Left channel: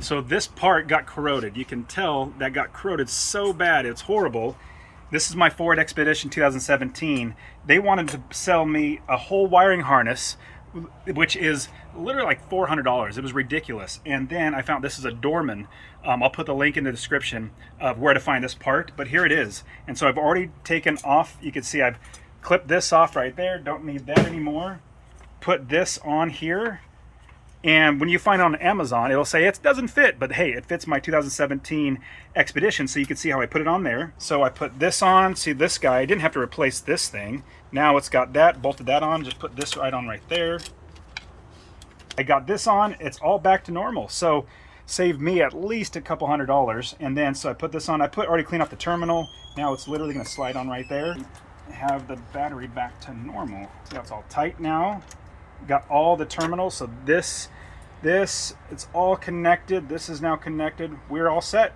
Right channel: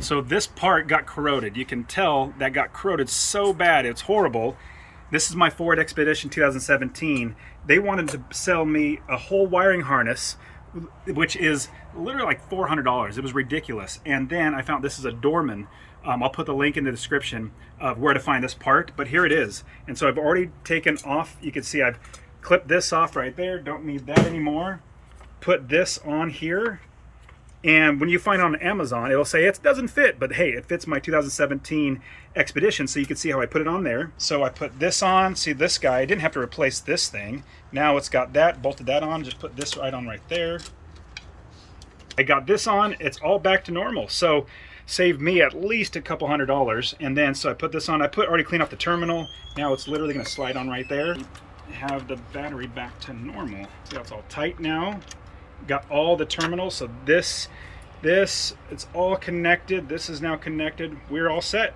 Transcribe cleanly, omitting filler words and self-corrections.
So this part got corroded. You can tell that got corroded so bad, it's horrible. This is my Ford Expedition 2017. They wanted to sell me a whole wiring harness, which is literally like $400. It was ridiculous. And then I found this is a Dorman. I'll put the link in the description of where to find this part, but here it is. And so I've already taken off, you can see I've clipped this off right there, don't need that anymore. Put this on here. And when you find it on Amazon, it'll say it doesn't fit, but hey, it fits my 2017 Expedition, so you can see how I put it on there. So I put this on, see this guy, I didn't have to replace this thing. Now it's got that, bolted that on, just put this right on right there. I got this on, it's all back to normal. So saved me at least a couple $100. And then, so I put this on, already cleaned off the terminal. Now it's literally gonna slide on right there. Have the battery back to normal. See how it's all tight now? Got all the terminals, so this, it's all connected. This is now connected. We're all set.